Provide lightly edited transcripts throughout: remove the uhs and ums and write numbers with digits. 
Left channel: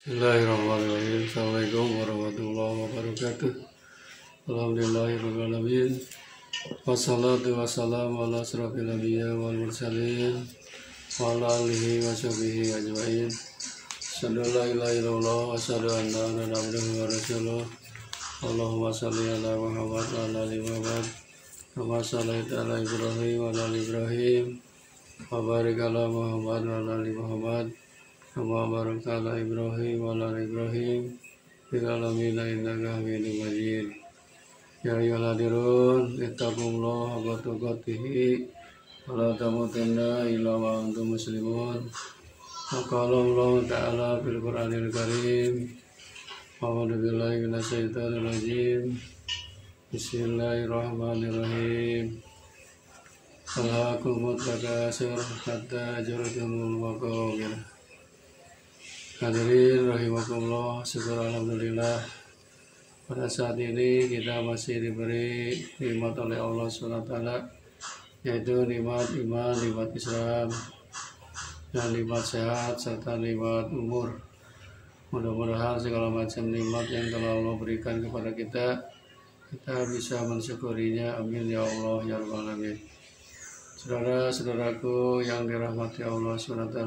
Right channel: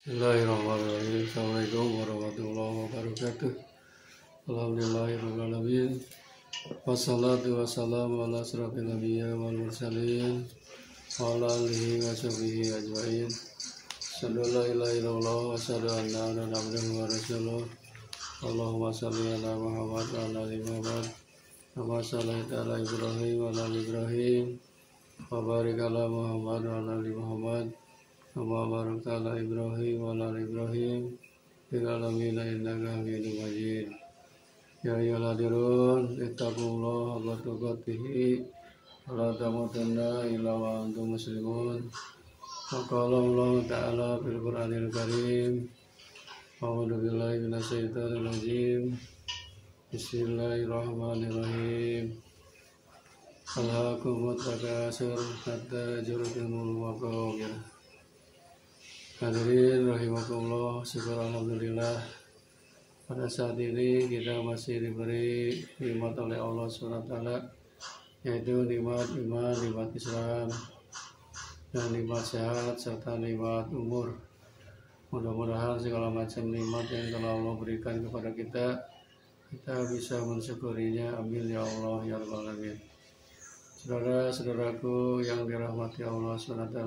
Bismillahirrahmanirrahim. Assalamualaikum warahmatullahi wabarakatuh. Alhamdulillahirabbil alamin. Wassalatu wassalamu ala asyrofil anbiya wal mursalin wa ala alihi wa sahbihi ajmain. Asyhadu an la ilaha illallah wa asyhadu anna Muhammadan abduhu wa rasuluh. Allahumma shalli ala Muhammad wa ala ali Muhammad. Kama shallaita ala Ibrahim wa ala ali Ibrahim. Wa barik ala Muhammad wa ala ali Muhammad. Kama barakta ala Ibrahim wa ala ali Ibrahim fil alamin innaka Hamidum Majid. Ya ayyuhalladzina ittaqullaha haqqa tuqatih wa la tamutunna illa wa antum muslimun. Qala Allah Ta'ala fil Qur'anil Karim. A'udzu billahi minasyaitonir rajim. Bismillahirrahmanirrahim. Alhaakumut takatsur hatta zurtumul maqabir. Hadirin rahimakumullah, syukur alhamdulillah pada saat ini kita masih diberi nikmat oleh Allah SWT, yaitu nikmat iman, nikmat Islam, dan nikmat sehat serta nikmat umur. Mudah-mudahan segala macam nikmat yang telah Allah berikan kepada kita bisa mensyukurinya. Amin ya Allah ya rabbal alamin. Saudara-saudaraku yang dirahmati Allah SWT,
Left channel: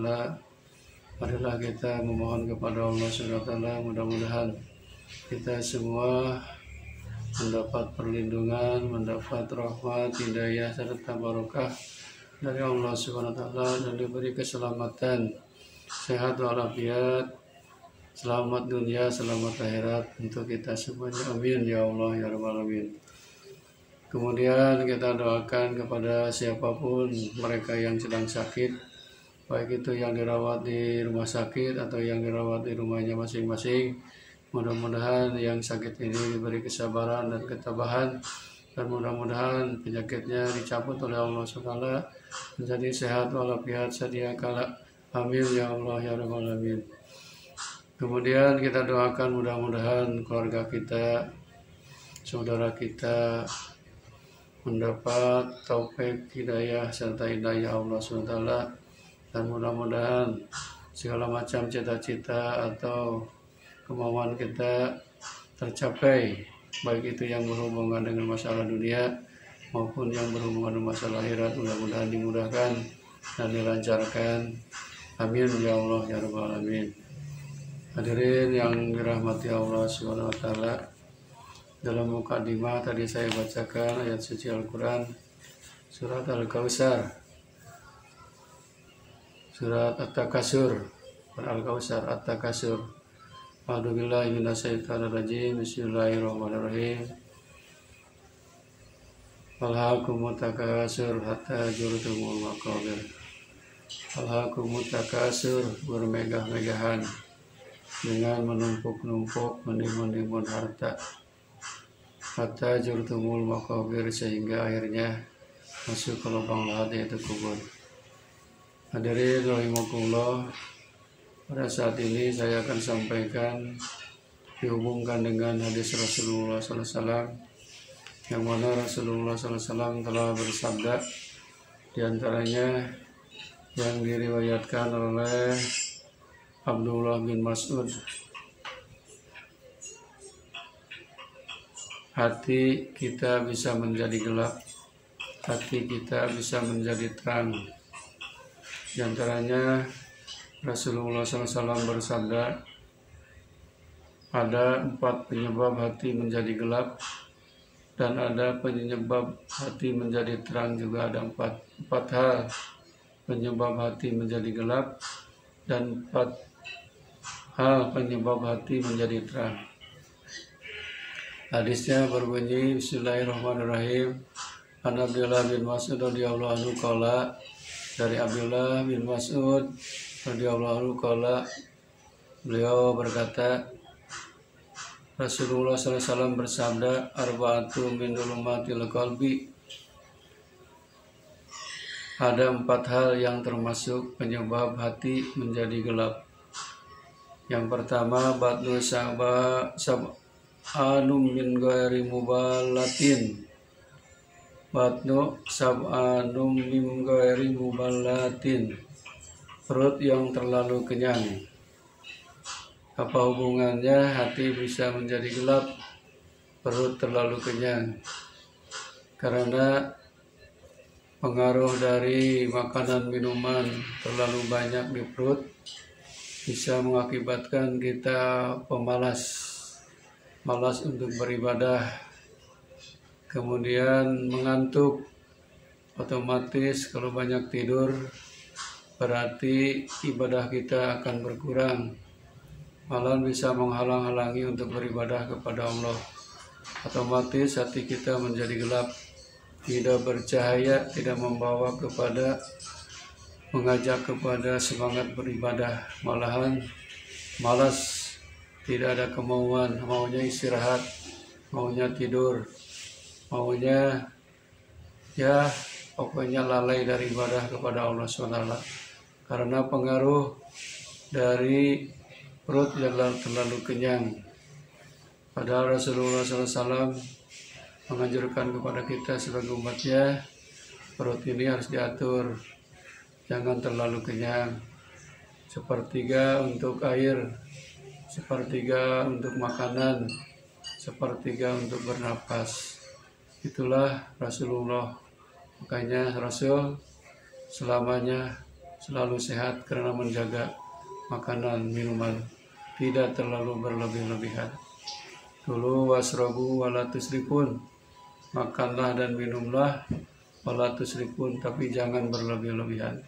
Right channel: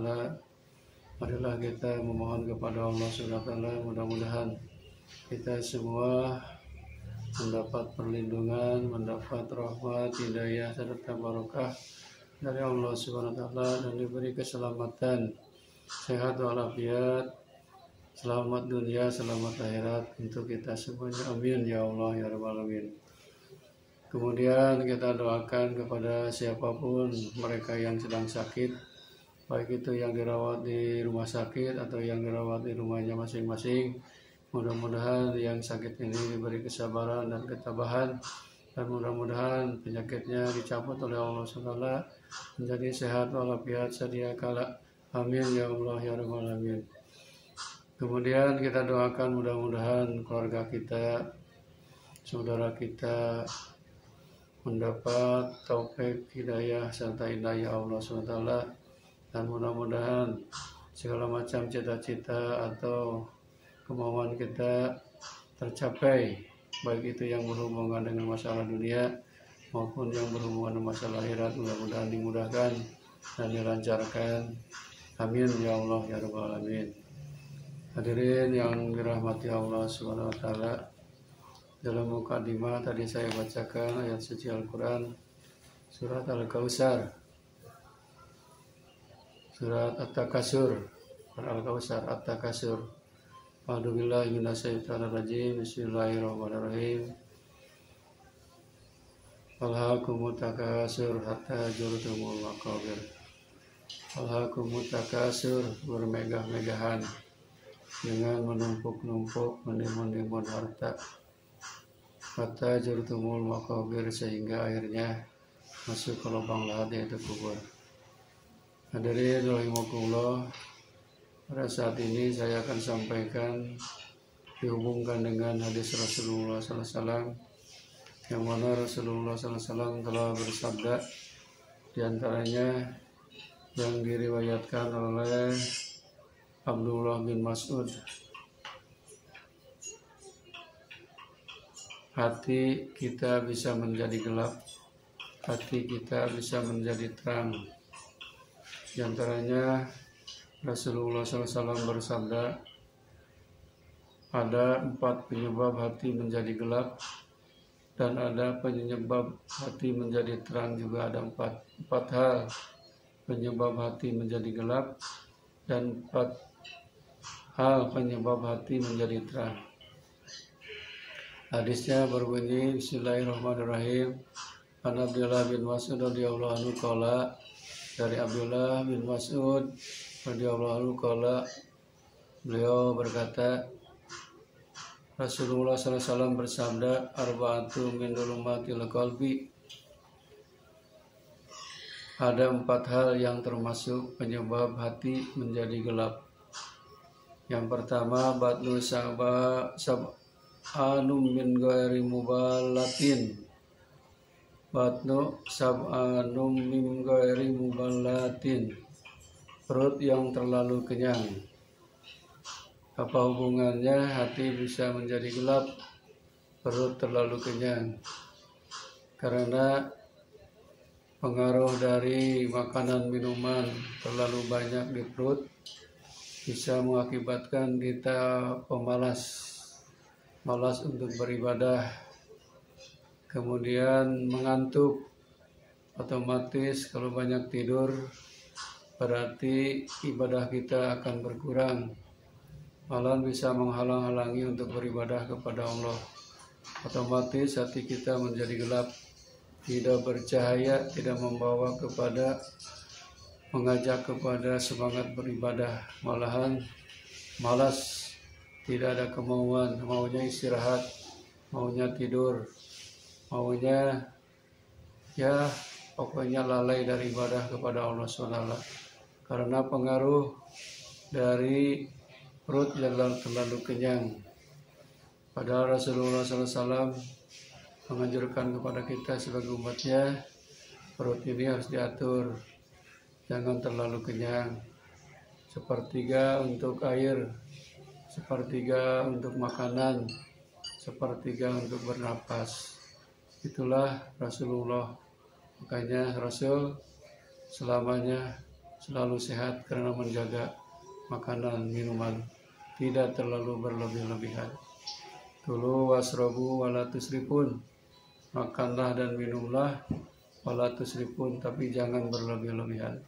marilah kita memohon kepada Allah SWT, mudah-mudahan kita semua mendapat perlindungan, mendapat rahmat, hidayah, serta barokah dari Allah SWT, dan diberi keselamatan, sehat walafiat, selamat dunia, selamat akhirat untuk kita semuanya. Amin ya Allah ya rabbal alamin. Kemudian kita doakan kepada siapapun mereka yang sedang sakit, baik itu yang dirawat di rumah sakit atau yang dirawat di rumahnya masing-masing. Mudah-mudahan yang sakit ini diberi kesabaran dan ketabahan, dan mudah-mudahan penyakitnya dicabut oleh Allah SWT menjadi sehat walafiat sedia kala. Amin ya Allah ya rabbal alamin. Kemudian kita doakan mudah-mudahan keluarga kita, saudara kita mendapat taufik, hidayah serta hidayah Allah SWT, dan mudah-mudahan segala macam cita-cita atau kemauan kita tercapai, baik itu yang berhubungan dengan masalah dunia maupun yang berhubungan dengan masalah akhirat. Mudah-mudahan dimudahkan dan dilancarkan. Amin ya Allah ya rabbal alamin. Hadirin yang dirahmati Allah SWT, dalam mukadimah tadi saya bacakan ayat suci Al-Quran surat Al-Kautsar, surat At-Takasur, Al-Kautsar, At-Takasur. A'udzubillahi minasyaitonir rajim. Bismillahirrahmanirrahim. Alhaakumut takatsur hatta zurtumul maqabir. Alhaakumut takatsur, bermegah-megahan dengan menumpuk-numpuk, menimbun-nimbun harta, hatta zurtumul maqabir, sehingga akhirnya masuk ke lubang lahat, yaitu kubur. Hadirin rahimakumullah, pada saat ini saya akan sampaikan dihubungkan dengan hadis Rasulullah SAW, yang mana Rasulullah SAW telah bersabda, diantaranya yang diriwayatkan oleh Abdullah bin Mas'ud, hati kita bisa menjadi gelap, hati kita bisa menjadi terang. Di antaranya Rasulullah SAW bersabda, ada 4 penyebab hati menjadi gelap, dan ada penyebab hati menjadi terang juga. Ada 4 hal penyebab hati menjadi gelap, dan 4 hal penyebab hati menjadi terang. Hadisnya berbunyi, Bismillahirrahmanirrahim. An Abdullah bin Mas'ud radhiyallahu anhu qala, dari Abdullah bin Mas'ud radhiyallahu anhu qala, beliau berkata, Rasulullah SAW bersabda, arba'atu min dhulumatil qalbi, ada 4 hal yang termasuk penyebab hati menjadi gelap. Yang pertama, batnu sab'anum min ghairi mubalatin. Batnu sab'anum min ghairi mubalatin, perut yang terlalu kenyang. Apa hubungannya hati bisa menjadi gelap, perut terlalu kenyang? Karena pengaruh dari makanan minuman terlalu banyak di perut bisa mengakibatkan kita pemalas, malas untuk beribadah, kemudian mengantuk. Otomatis kalau banyak tidur berarti ibadah kita akan berkurang, malah bisa menghalang-halangi untuk beribadah kepada Allah. Otomatis hati kita menjadi gelap, tidak bercahaya, tidak membawa kepada mengajak kepada semangat beribadah, malahan malas, tidak ada kemauan, maunya istirahat, maunya tidur, maunya ya pokoknya lalai dari ibadah kepada Allah SWT. Karena pengaruh dari perut yang terlalu kenyang. Padahal Rasulullah SAW menganjurkan kepada kita sebagai umatnya, perut ini harus diatur, jangan terlalu kenyang. Sepertiga untuk air, sepertiga untuk makanan, sepertiga untuk bernapas. Itulah Rasulullah. Makanya Rasul selamanya selalu sehat karena menjaga makanan, minuman, tidak terlalu berlebih-lebihan. Kulu wasrobu wala tusrifun, makanlah dan minumlah, wala tusrifun, tapi jangan berlebih-lebihan.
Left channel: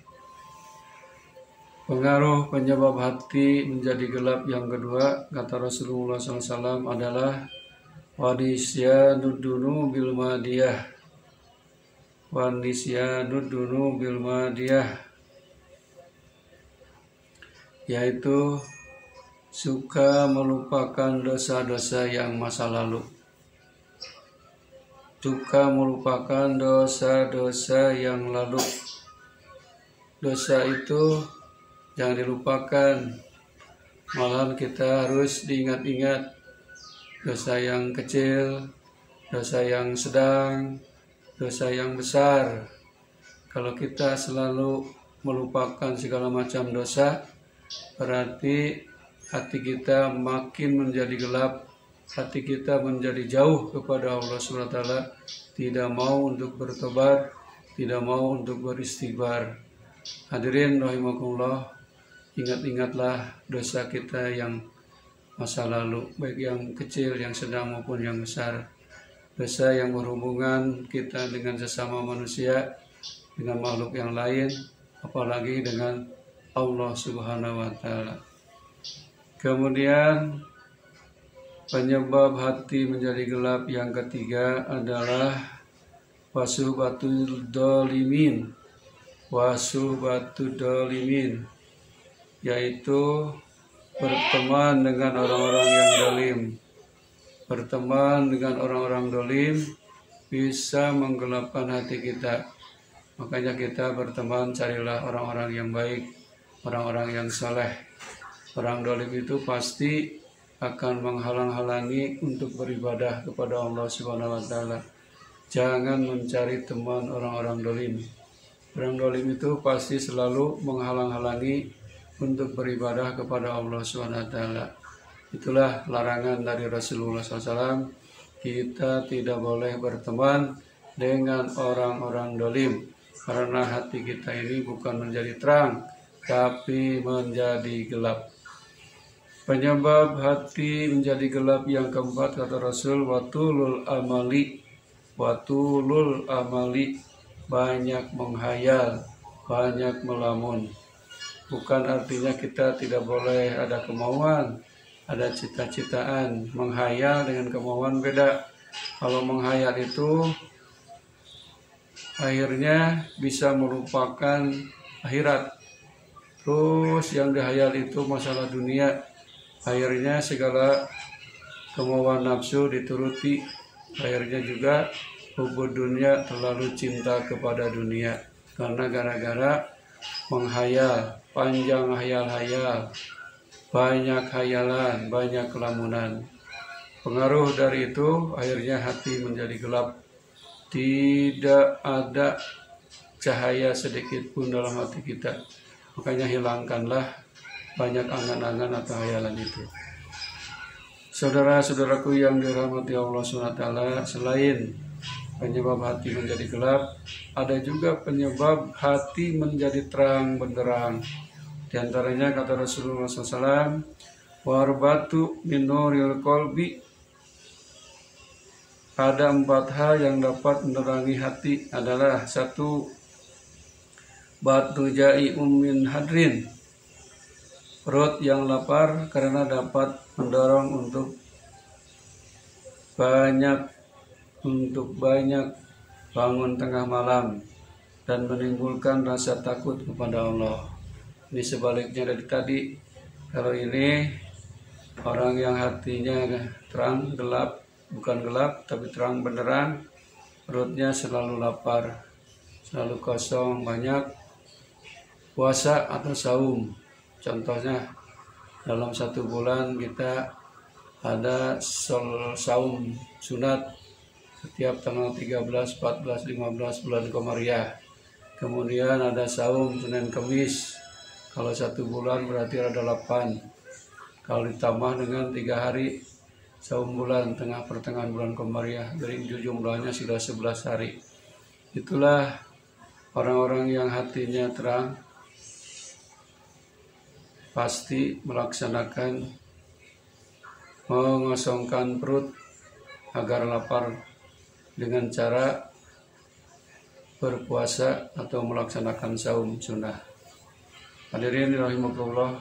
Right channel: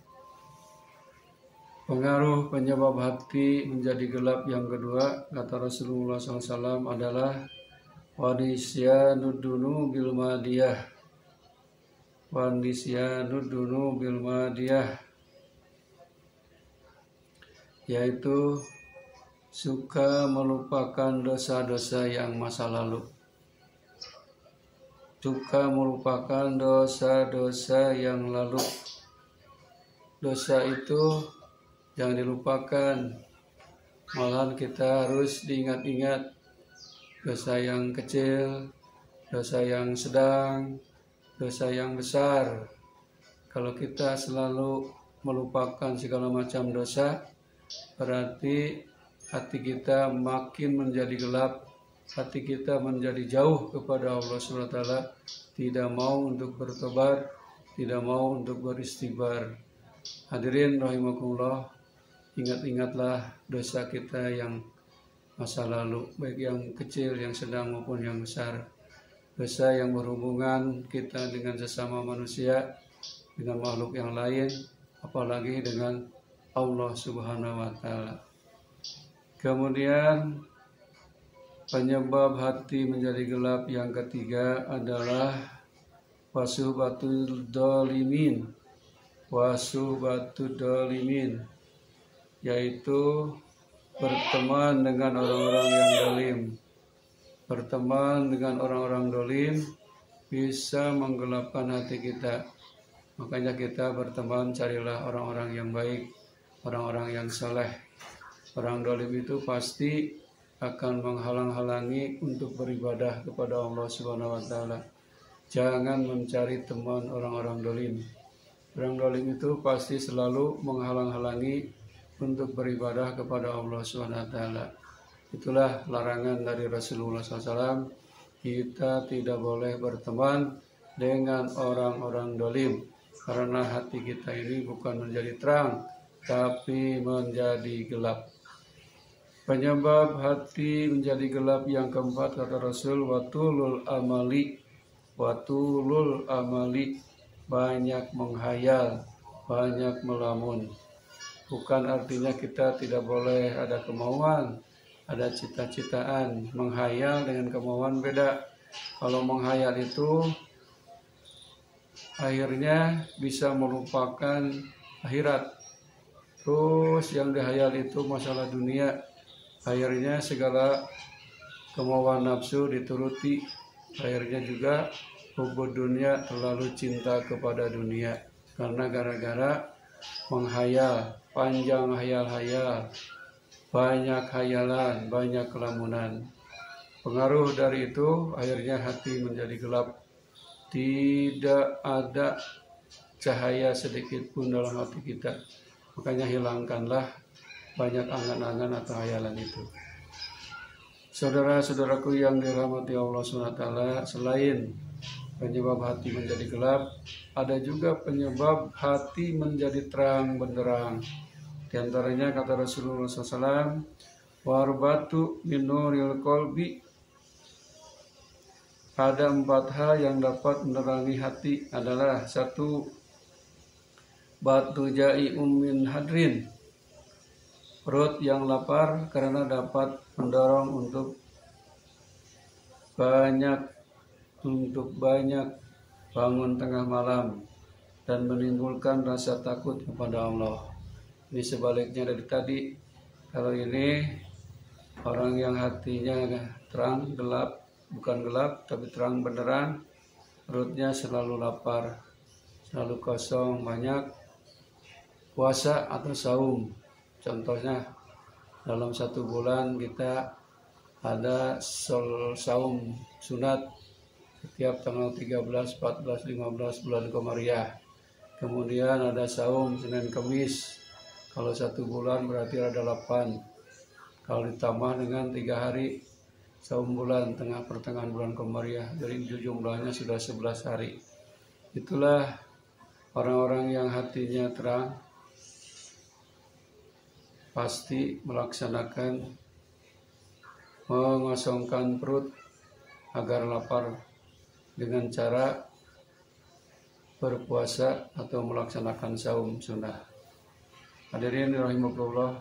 Pengaruh penyebab hati menjadi gelap yang kedua, kata Rasulullah SAW, adalah wanisyadudunu bil madiyah. Wanisyadudunu bil madiyah, yaitu suka melupakan dosa-dosa yang masa lalu. Suka melupakan dosa-dosa yang lalu. Dosa itu jangan dilupakan, malahan kita harus diingat-ingat. Dosa yang kecil, dosa yang sedang, dosa yang besar. Kalau kita selalu melupakan segala macam dosa, berarti hati kita makin menjadi gelap, hati kita menjadi jauh kepada Allah SWT, tidak mau untuk bertobat, tidak mau untuk beristighfar. Hadirin rahimakumullah, ingat-ingatlah dosa kita yang masa lalu, baik yang kecil, yang sedang maupun yang besar. Dosa yang berhubungan kita dengan sesama manusia, dengan makhluk yang lain, apalagi dengan Allah Subhanahu wa Ta'ala. Kemudian penyebab hati menjadi gelap yang ketiga adalah wasuhbatul dolimin. Wasuhbatul dolimin, yaitu berteman dengan orang-orang yang dolim. Berteman dengan orang-orang dolim bisa menggelapkan hati kita. Makanya kita berteman, carilah orang-orang yang baik, orang-orang yang saleh. Orang dolim itu pasti akan menghalang-halangi untuk beribadah kepada Allah Subhanahu wa Ta'ala. Jangan mencari teman orang-orang dolim. Orang dolim itu pasti selalu menghalang-halangi untuk beribadah kepada Allah Subhanahu wa Ta'ala. Itulah larangan dari Rasulullah SAW. Kita tidak boleh berteman dengan orang-orang dolim, karena hati kita ini bukan menjadi terang, tapi menjadi gelap. Penyebab hati menjadi gelap yang keempat, kata Rasul, watulul amali. Watulul amali, banyak menghayal, banyak melamun. Bukan artinya kita tidak boleh ada kemauan, ada cita-citaan. Menghayal dengan kemauan beda. Kalau menghayal itu akhirnya bisa merupakan akhirat. Terus yang dihayal itu masalah dunia. Akhirnya segala kemauan nafsu dituruti. Akhirnya juga hubud dunia, terlalu cinta kepada dunia. Karena gara-gara menghayal, panjang hayal-hayal, banyak hayalan, banyak kelamunan. Pengaruh dari itu akhirnya hati menjadi gelap. Tidak ada cahaya sedikit pun dalam hati kita. Makanya hilangkanlah banyak angan-angan atau hayalan itu. Saudara-saudaraku yang dirahmati Allah SWT, selain penyebab hati menjadi gelap, ada juga penyebab hati menjadi terang benderang. Di antaranya kata Rasulullah SAW, warbatu min nuril qalbi, ada 4 hal yang dapat menerangi hati adalah: 1. Batu ja'i'um min hadrin, perut yang lapar karena dapat mendorong untuk banyak bangun tengah malam dan menimbulkan rasa takut kepada Allah. Ini sebaliknya dari tadi. Kalau ini orang yang hatinya terang gelap, bukan gelap tapi terang benderang, perutnya selalu lapar, selalu kosong, banyak puasa atau saum. Contohnya dalam 1 bulan kita ada saum sunat setiap tanggal 13, 14, 15 bulan Komariah. Kemudian ada saum Senin Kamis. Kalau 1 bulan berarti ada 8. Kalau ditambah dengan 3 hari saum bulan pertengahan bulan Komariah, dari jumlahnya sudah 11 hari. Itulah orang-orang yang hatinya terang, pasti melaksanakan mengosongkan perut agar lapar dengan cara berpuasa atau melaksanakan saum sunnah. Hadirin rahimakumullah,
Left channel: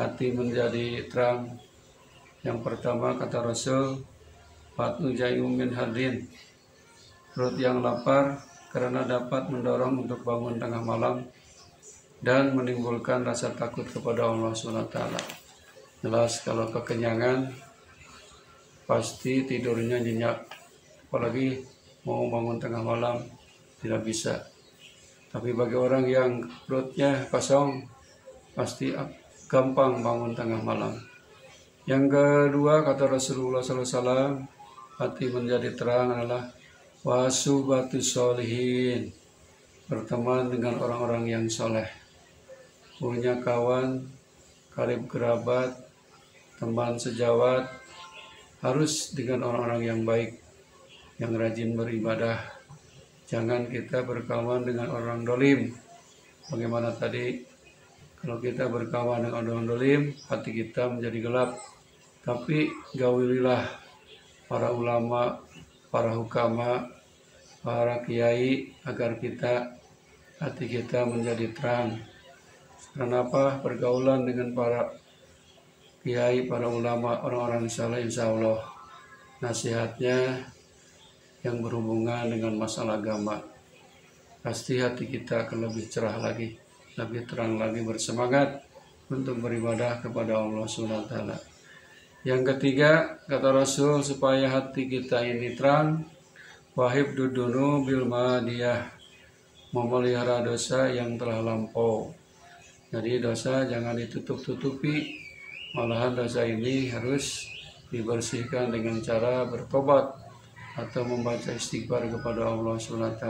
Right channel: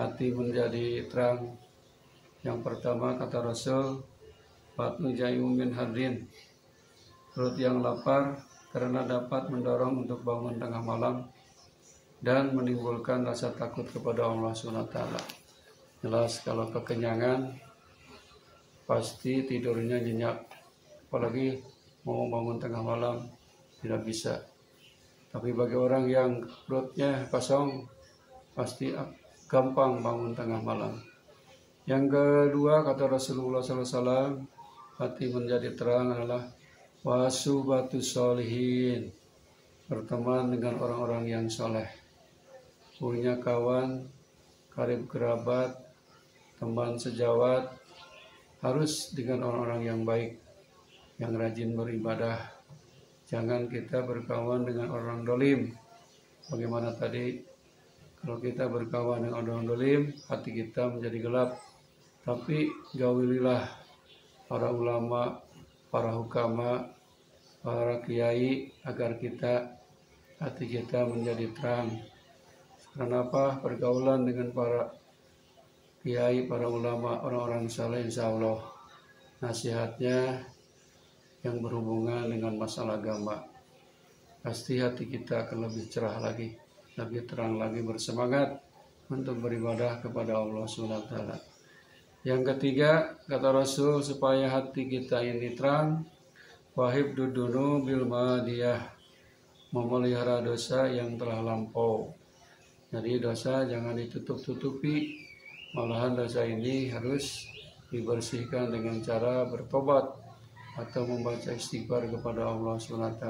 hati menjadi terang. Yang pertama kata Rasul, batu ja'i'um min hadrin, perut yang lapar karena dapat mendorong untuk bangun tengah malam dan menimbulkan rasa takut kepada Allah SWT. Jelas kalau kekenyangan pasti tidurnya nyenyak, apalagi mau bangun tengah malam tidak bisa. Tapi bagi orang yang perutnya kosong pasti gampang bangun tengah malam. Yang kedua kata Rasulullah SAW, hati menjadi terang adalah wasuhbatus sholihin, berteman dengan orang-orang yang soleh, punya kawan, karib kerabat, teman sejawat, harus dengan orang-orang yang baik, yang rajin beribadah. Jangan kita berkawan dengan orang dolim. Bagaimana tadi, kalau kita berkawan dengan orang dolim, hati kita menjadi gelap. Tapi gaulilah para ulama, para hukama, para kiai, agar hati kita menjadi terang. Kenapa? Pergaulan dengan para kiai, para ulama, orang-orang saleh, insya Allah nasihatnya yang berhubungan dengan masalah agama, pasti hati kita akan lebih cerah lagi, lebih terang lagi, bersemangat untuk beribadah kepada Allah SWT. Yang ketiga kata Rasul, supaya hati kita ini terang, wahib dudunu bil madiyah, memelihara dosa yang telah lampau. Jadi dosa jangan ditutup-tutupi, malahan dosa ini harus dibersihkan dengan cara bertobat atau membaca istighfar kepada Allah SWT.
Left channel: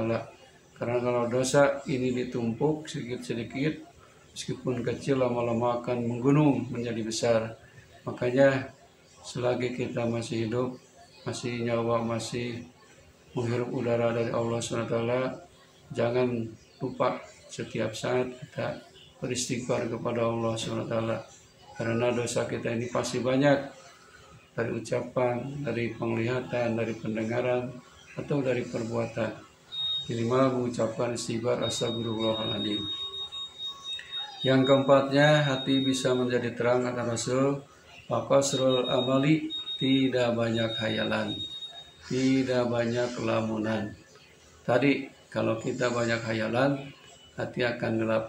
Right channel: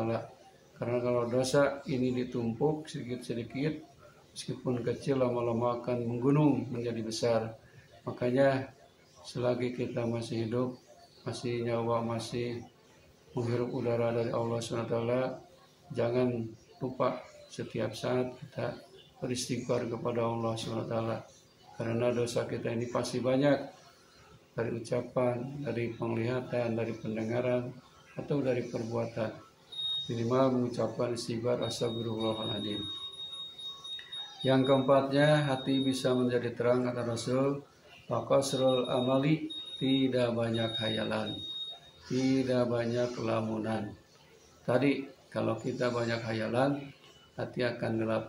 Karena kalau dosa ini ditumpuk sedikit-sedikit, meskipun kecil, lama-lama akan menggunung menjadi besar. Makanya selagi kita masih hidup, masih nyawa, masih menghirup udara dari Allah SWT, jangan lupa setiap saat kita beristighfar kepada Allah SWT. Karena dosa kita ini pasti banyak, dari ucapan, dari penglihatan, dari pendengaran, atau dari perbuatan. Minimal mengucapkan istighfar astagfirullahaladzim. Yang keempatnya, hati bisa menjadi terang kata Rasul, faqasrul amali, tidak banyak hayalan, tidak banyak kelamunan. Tadi kalau kita banyak hayalan, hati akan gelap.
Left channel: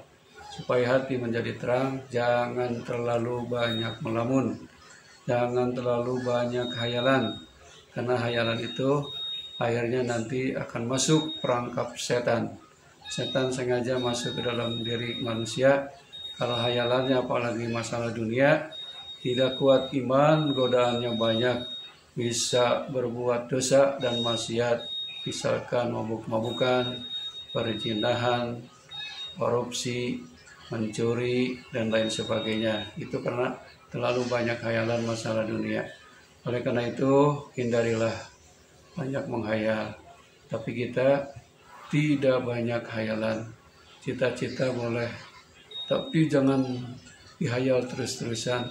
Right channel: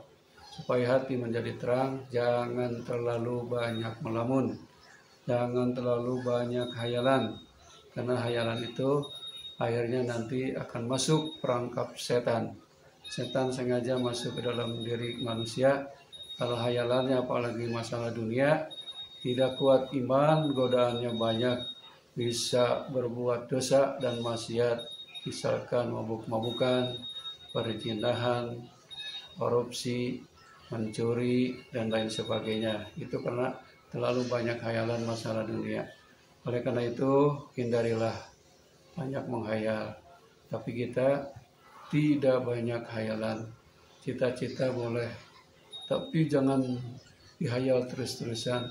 Supaya hati menjadi terang, jangan terlalu banyak melamun, jangan terlalu banyak hayalan. Karena hayalan itu akhirnya nanti akan masuk perangkap setan. Setan sengaja masuk ke dalam diri manusia. Kalau hayalannya apalagi masalah dunia, tidak kuat iman, godaannya banyak, bisa berbuat dosa dan maksiat, misalkan mabuk-mabukan, perzinahan, korupsi, mencuri, dan lain sebagainya. Itu karena terlalu banyak hayalan masalah dunia. Oleh karena itu, hindarilah banyak menghayal, tapi kita tidak banyak hayalan. Cita-cita boleh, tapi jangan dihayal terus-terusan,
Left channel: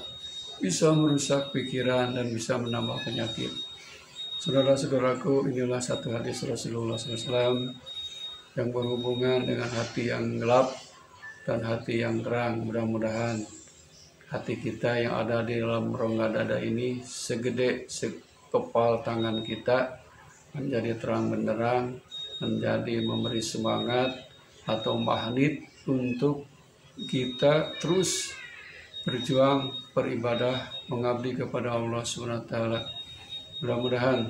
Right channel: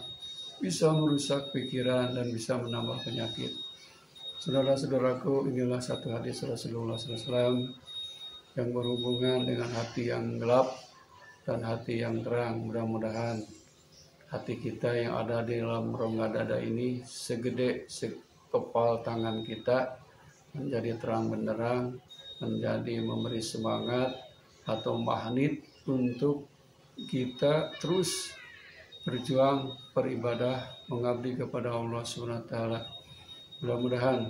bisa merusak pikiran dan bisa menambah penyakit. Saudara-saudaraku, inilah satu hadis Rasulullah SAW yang berhubungan dengan hati yang gelap dan hati yang terang. Mudah-mudahan hati kita yang ada di dalam rongga dada ini segede sekepal tangan kita menjadi terang benderang, menjadi memberi semangat atau magnet untuk kita terus berjuang, beribadah, mengabdi kepada Allah SWT. Mudah-mudahan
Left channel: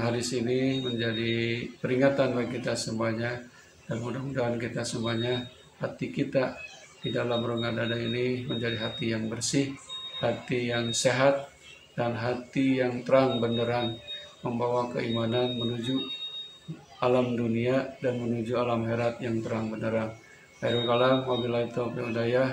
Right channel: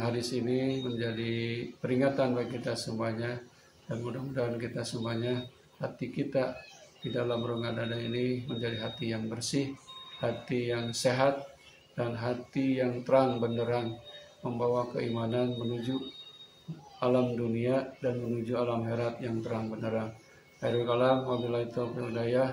hadis ini menjadi peringatan bagi kita semuanya, dan mudah-mudahan kita semuanya, hati kita di dalam rongga dada ini menjadi hati yang bersih, hati yang sehat, dan hati yang terang benderang, membawa keimanan menuju alam dunia dan menuju alam akhirat yang terang benderang. Khairul kalam, wabillahi taufiq wal hidayah.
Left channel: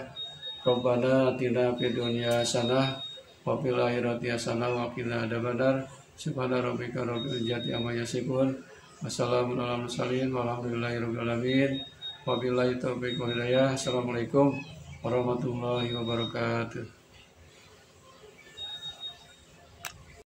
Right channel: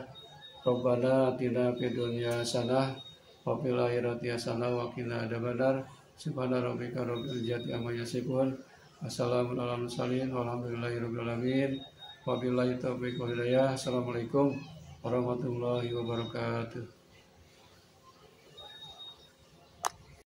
Rabbana atina fid dunya hasanah wa fil akhirati hasanah wa qina adzabannar. Subhana rabbika rabbil izzati amma yasifun. Wassalamun ala mursalin walhamdulillahi rabbil alamin. Wabillahi taufiq wal hidayah. Assalamualaikum warahmatullahi wabarakatuh.